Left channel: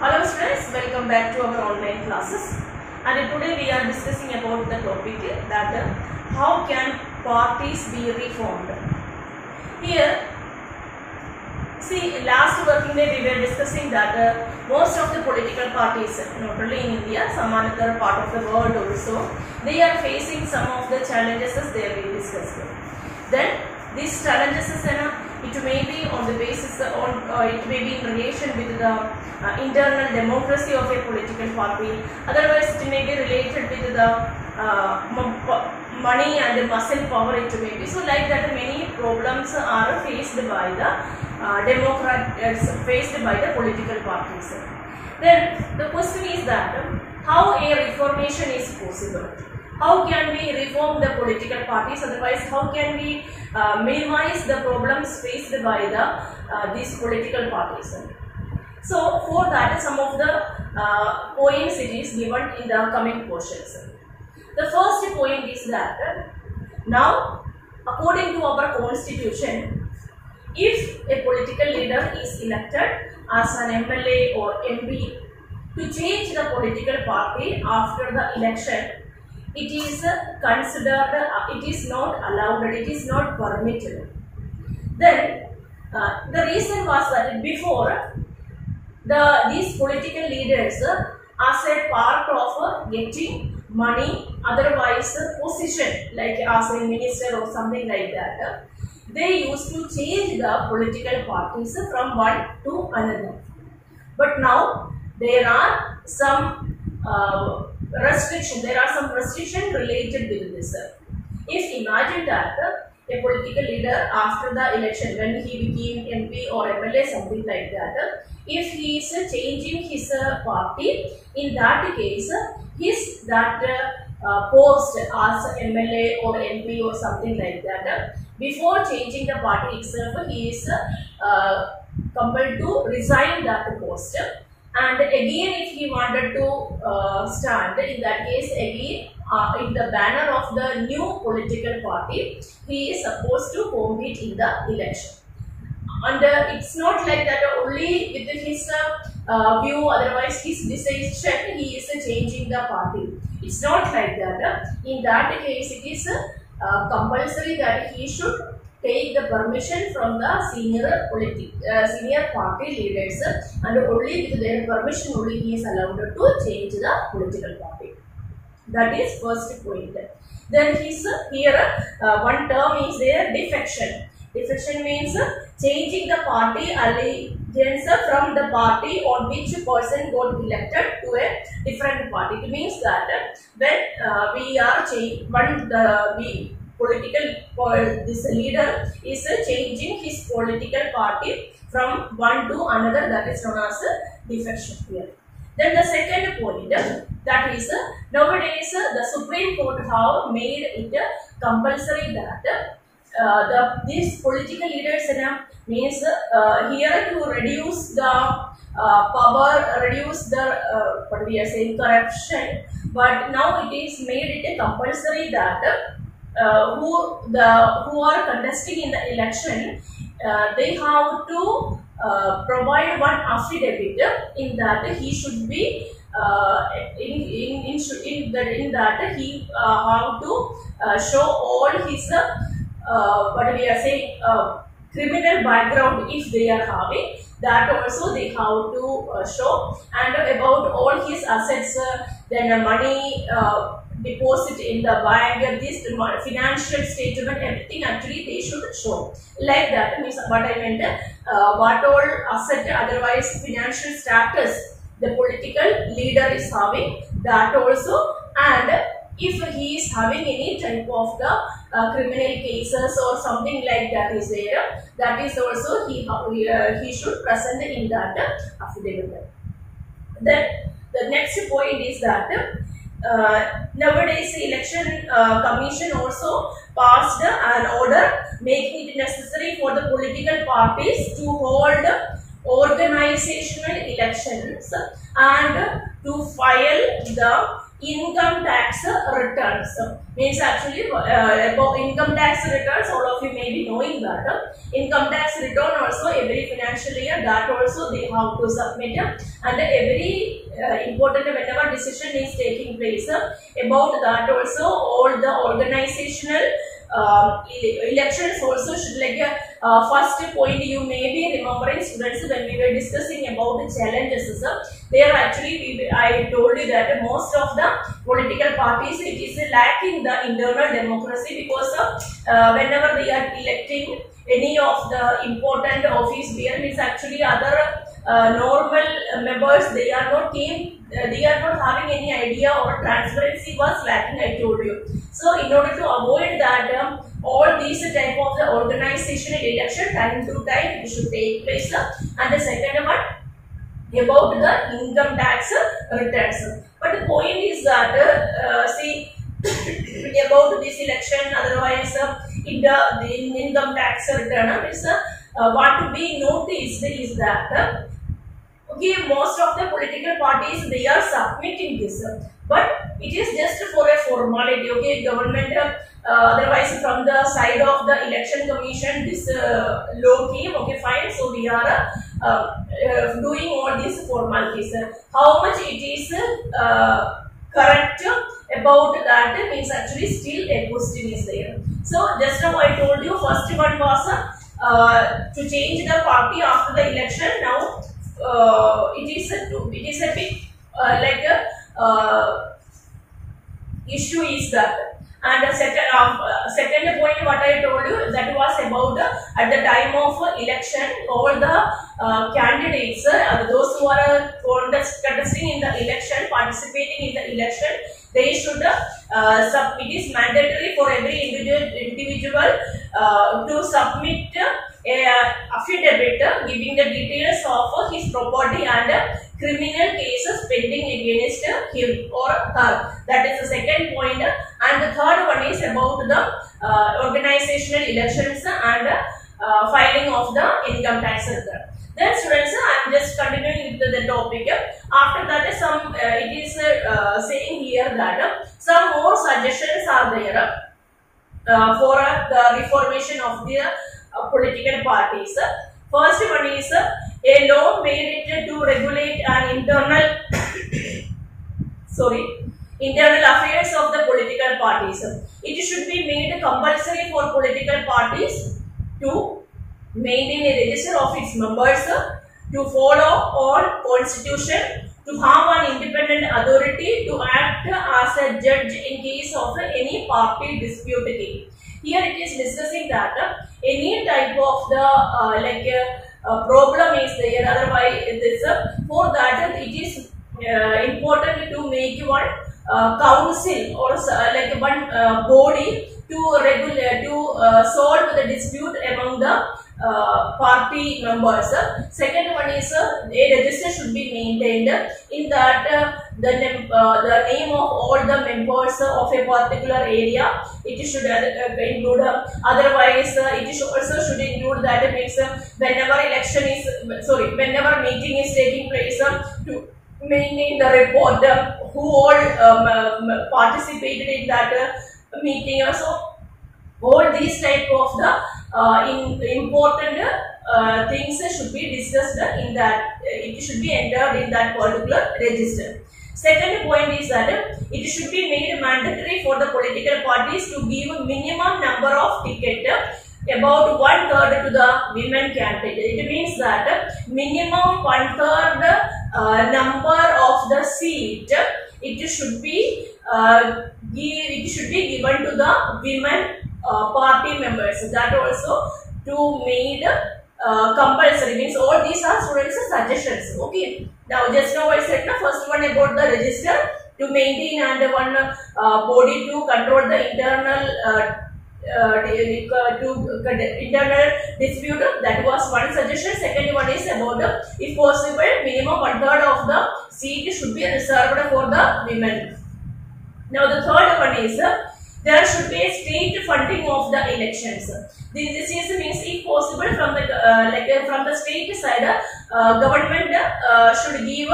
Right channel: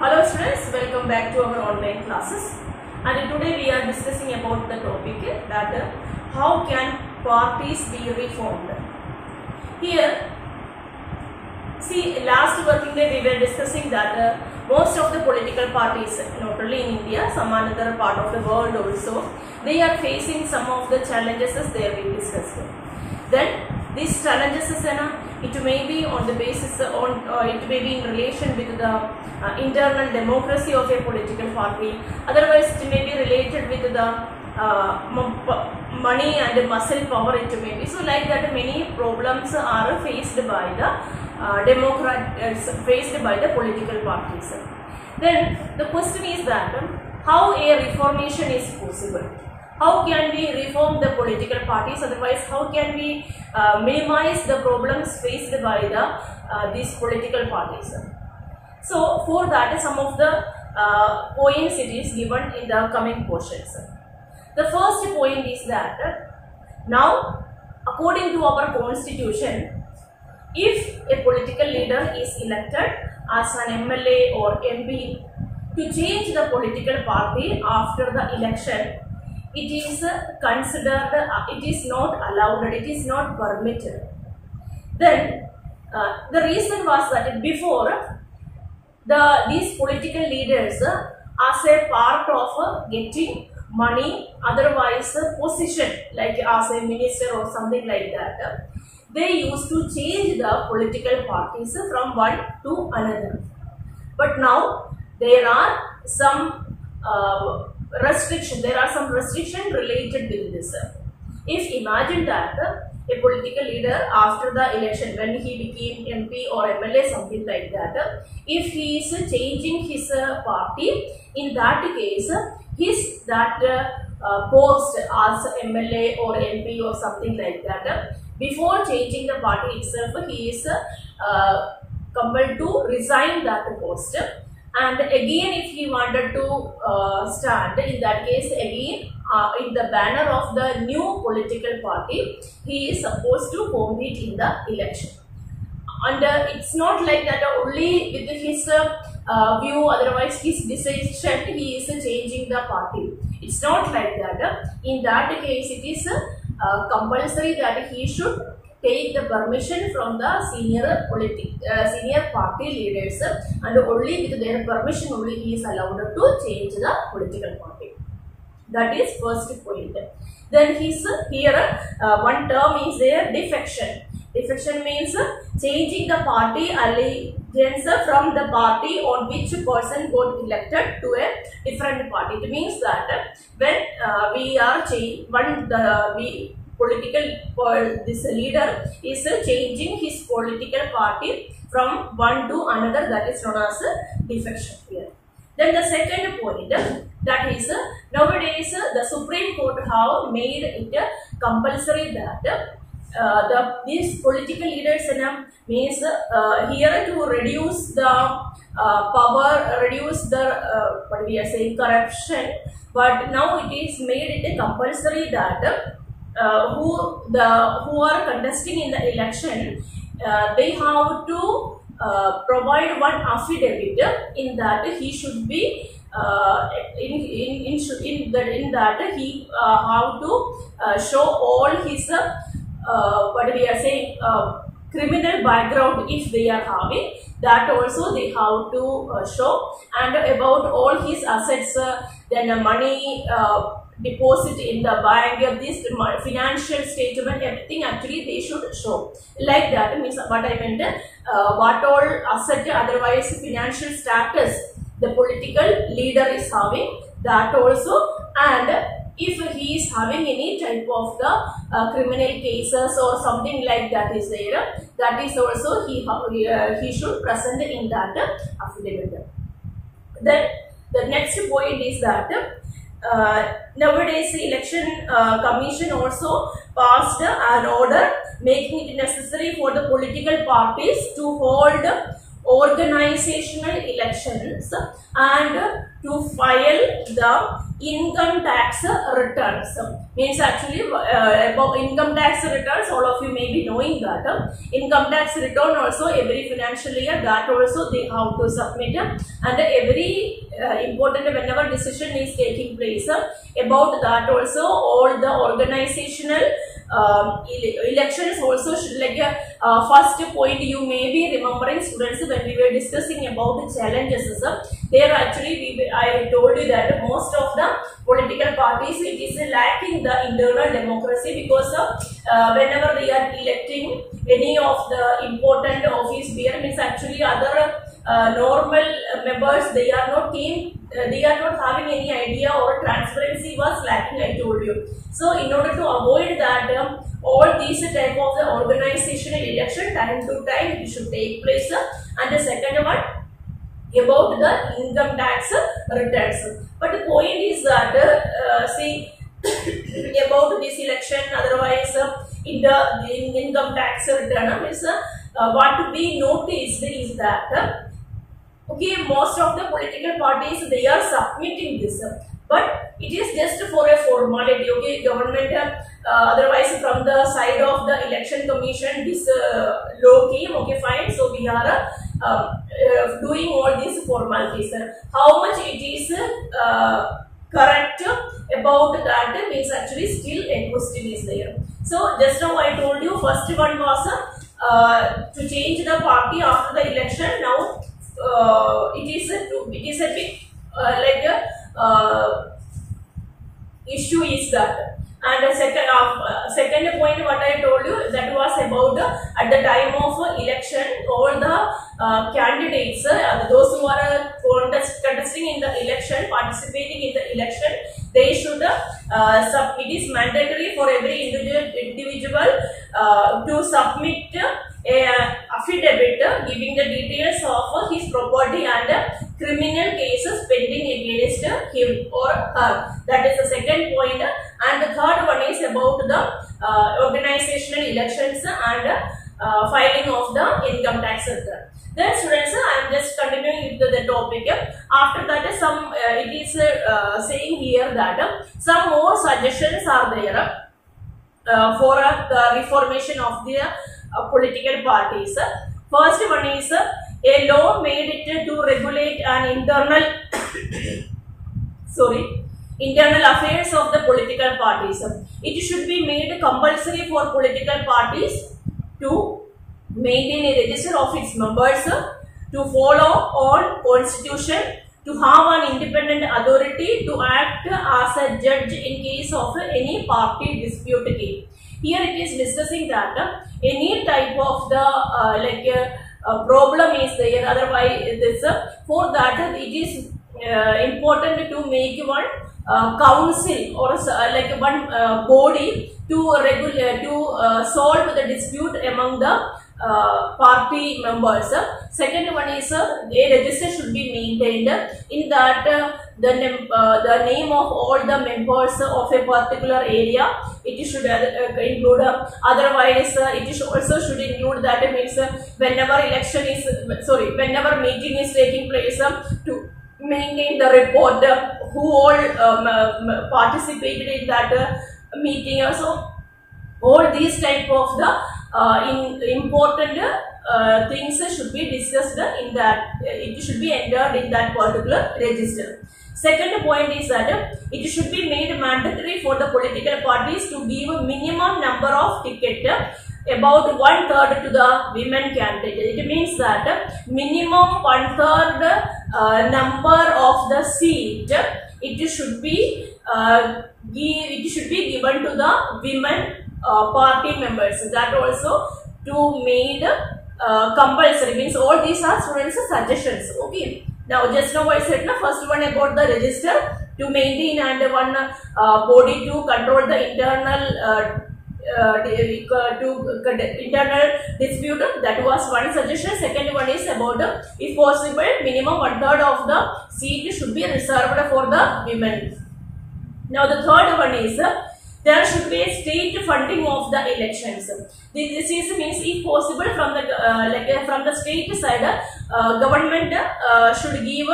Hello students, welcome back to our online classes. And today we are discussing about the topic that how can parties be reformed. Here, see, last working day we were discussing that most of the political parties, not only in India, some other part of the world also, they are facing some of the challenges as they will discuss. Then these challenges it may be on the basis it may be in relation with the internal democracy of a political party. Otherwise, it may be related with the money and the muscle power. It may be so like that. Many problems are faced by the faced by the political parties. Then the question is that how a reformation is possible. How can we reform the political parties? Otherwise, how can we minimize the problems faced by these political parties? So, for that, some of the points it is given in the coming portions. The first point is that now, according to our constitution, if a political leader is elected as an MLA or MP, to change the political party after the election, it is considered, it is not allowed, it is not permitted. Then the reason was that before these political leaders as a part of getting money, otherwise position like as a minister or something like that, they used to change the political parties from one to another. But now there are some restrictions related with this. If imagine that a political leader after the election, when he became MP or MLA, something like that, if he is changing his party, in that case, his post as MLA or MP or something like that, before changing the party itself, he is compelled to resign that post. And again, if he wanted to stand, in that case, again, in the banner of the new political party, he is supposed to compete in the election. And it's not like that only with his view, otherwise his decision, he is changing the party. It's not like that. In that case, it is compulsory that he should take the permission from the senior party leaders, and only with their permission only he is allowed to change the political party. That is first point. Then here one term is there, defection. Defection means changing the party allegiance from the party on which person got elected to a different party. It means that when we are this leader is changing his political party from one to another, that is known as defection here. Then the second point, that is nowadays the Supreme Court have made it compulsory that these political leaders means here to reduce the power, reduce the what we are saying, corruption, but now it is made it compulsory that who are contesting in the election, they have to provide one affidavit in that he should be in that he have to show all his what we are saying, criminal background if they are having, that also they have to show, and about all his assets, then money deposit in the bank, this financial statement, everything actually they should show. Like that means what I meant, what all asset, otherwise financial status the political leader is having, that also, and if he is having any type of the criminal cases or something like that is there, that is also he should present in that affidavit. Then the next point is that nowadays election commission also passed an order making it necessary for the political parties to hold organizational elections and to file the income tax returns. Means actually about income tax returns, all of you may be knowing that income tax return also every financial year, that also they have to submit, and every important whenever decision is taking place about that also all the organizational elections also should, like first point you may be remembering students when we were discussing about the challenges, there actually I told you that most of the political parties it is lacking the internal democracy, because whenever they are electing any of the important office bearer, means actually other normal members, they are not having any idea, or transparency was lacking, I told you. So in order to avoid that, all these type of the organizational election time to time it should take place. And the second one about the income tax returns. But the point is that see about this election, otherwise in the income tax return is what to be noticed is that okay, most of the political parties they are submitting this, but it is just for a formality. Okay, government otherwise from the side of the election commission this law came. Okay, fine. So we are doing all these formalities. How much it is correct about that means actually still a question is there. So just now I told you first one was to change the party after the election. Now it is a big like issue is that. And the second point what I told you, that was about at the time of election all the candidates, those who are contesting in the election, participating in the election, they should it is mandatory for every individual to submit a affidavit giving the details of his property and criminal cases pending against him or her. That is the second point. And the third one is about the organizational elections and filing of the income tax return. Then students, I am just continuing with the topic. After that, some it is saying here that some more suggestions are there for the reformation of the political parties. First one is a law made it to regulate an internal affairs of the political parties. It should be made compulsory for political parties to maintain a register of its members, to follow on constitution, to have an independent authority to act as a judge in case of any party dispute case. Here it is discussing that any type of the problem is there, otherwise this for that it is important to make one council or like one body to regulate solve the dispute among the party members. Second one is a register should be maintained in that the name of all the members of a particular area it should include. Otherwise it also should include that means whenever whenever meeting is taking place to maintain the report who all participated in that meeting. Also all these type of the important things should be discussed in that, it should be entered in that particular register. Second point is that it should be made mandatory for the political parties to give a minimum number of tickets, about 1/3 to the women candidate. It means that minimum 1/3 number of the seat it should be given to the women party members. That also to made compulsory, means all these are students suggestions. Okay, now just now I said first one about the register to maintain and one body to control the internal internal dispute. That was one suggestion. Second one is about if possible minimum 1/3 of the seat should be reserved for the women. Now the third one is there should be a state funding of the elections. This is means if possible from the from the state side, government should give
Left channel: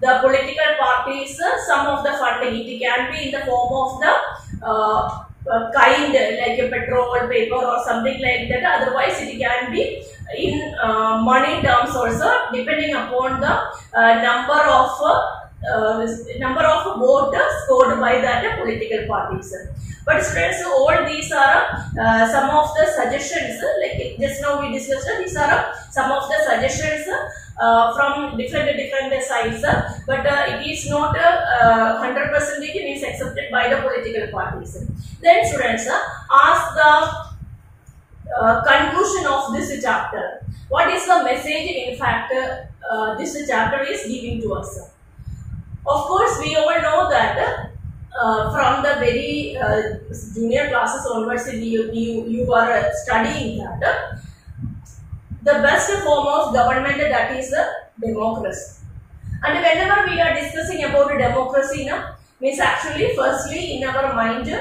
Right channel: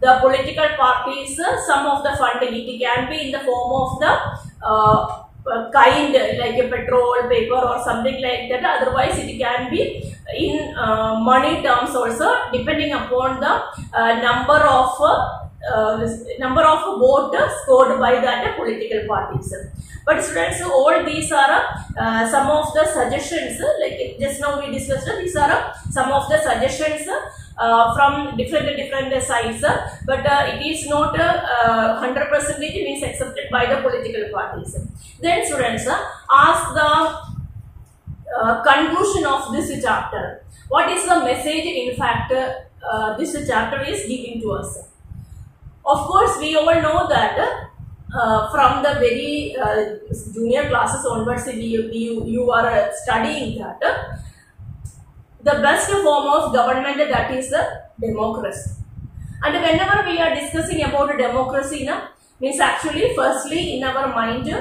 the political parties some of the funding. It can be in the form of the kind like a petrol, paper or something like that. Otherwise it can be in money terms also, depending upon the number of votes scored by that political parties. But students, all these are some of the suggestions, like just now we discussed, these are some of the suggestions from different sides, but it is not 100% means accepted by the political parties. Then students, ask the conclusion of this chapter. What is the message in fact this chapter is giving to us? Of course, we all know that from the very junior classes onwards, you are studying that the best form of government, that is the democracy. And whenever we are discussing about democracy, means actually firstly in our mind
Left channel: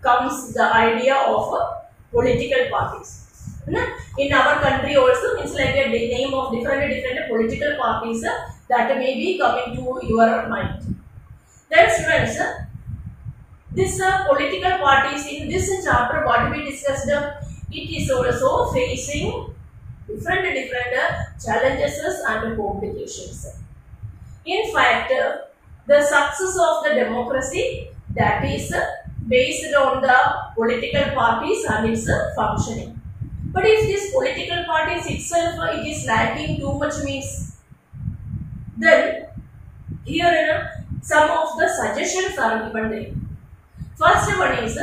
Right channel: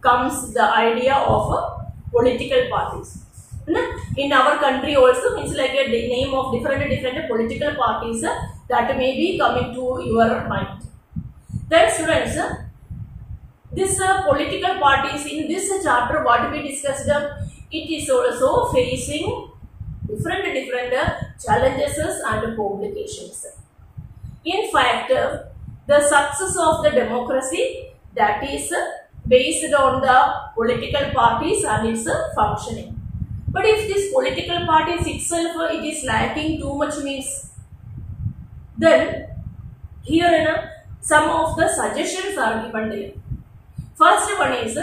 comes the idea of political parties. In our country also, means like a name of different political parties that may be coming to your mind. Then students, this political parties in this chapter, what we discussed, it is also facing different challenges and complications. In fact, the success of the democracy, that is based on the political parties and its functioning. But if this political parties itself it is lacking too much, means then here some of the suggestions are given there. First one is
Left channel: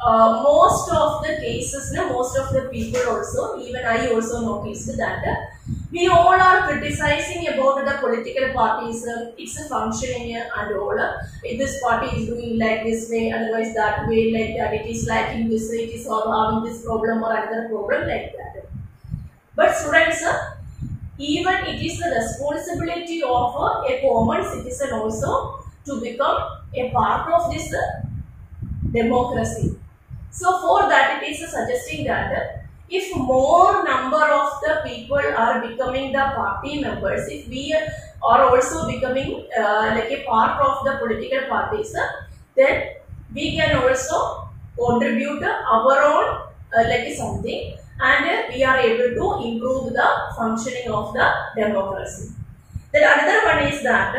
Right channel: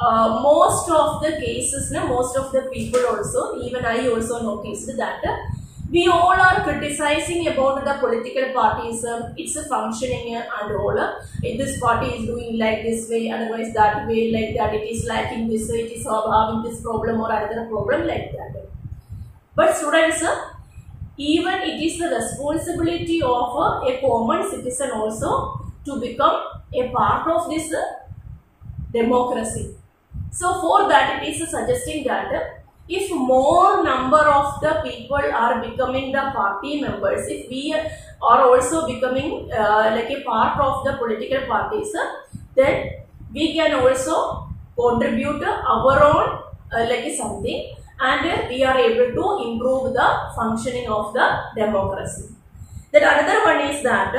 most of the cases, most of the people also, even I also noticed that we all are criticizing about the political parties, its functioning and all. This party is doing like this way, otherwise that way, like that, it is lacking this, it is having this problem or another problem, like that. But students, even it is the responsibility of a common citizen also to become a part of this democracy. So for that, it is suggesting that if more number of the people are becoming the party members, if we are also becoming like a part of the political parties, then we can also contribute our own like something, and we are able to improve the functioning of the democracy. Then another one is that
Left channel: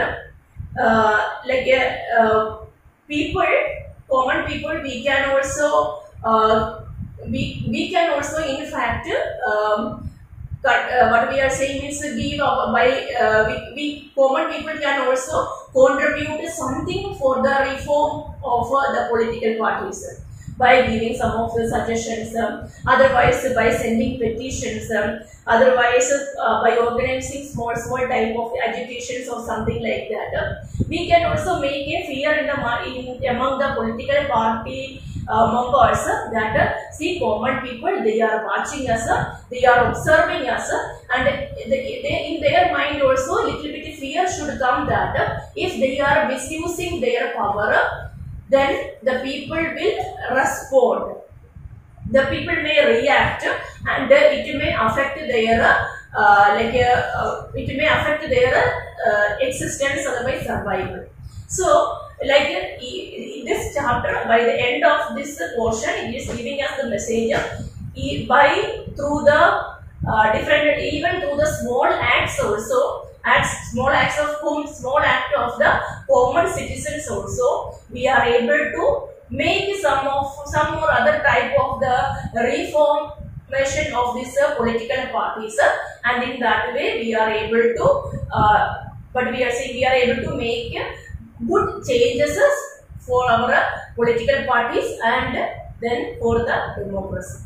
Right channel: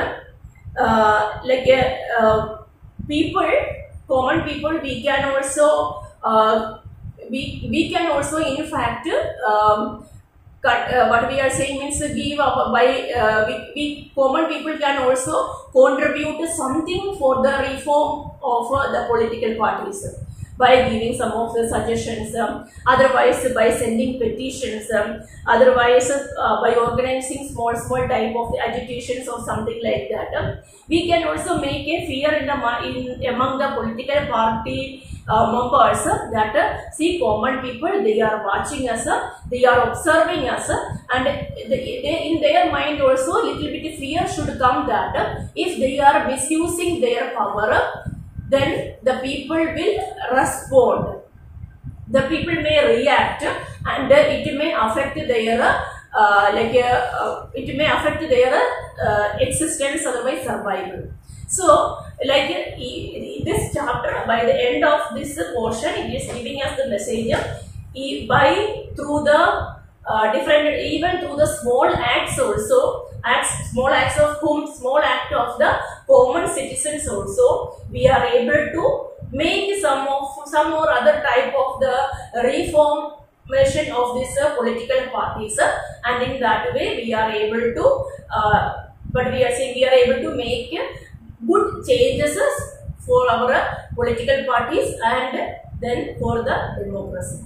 common people, we can also we can also in fact what we are saying means give we common people can also contribute something for the reform of the political parties by giving some of the suggestions, otherwise by sending petitions, otherwise by organizing small type of agitations or something like that. We can also make a fear among the political party members that see common people, they are watching us, they are observing us, and they in their mind also little bit fear should come that if they are misusing their power, then the people will respond. The people may react, and it may affect their it may affect their existence, otherwise survival. So, like this chapter, by the end of this portion, it is giving us the message through the different, even through the small acts also, small acts of the common citizens also, we are able to make some or other type of the reformation of these political parties, and in that way we are able to but we are saying we are able to make good changes for our political parties and then for the democracy.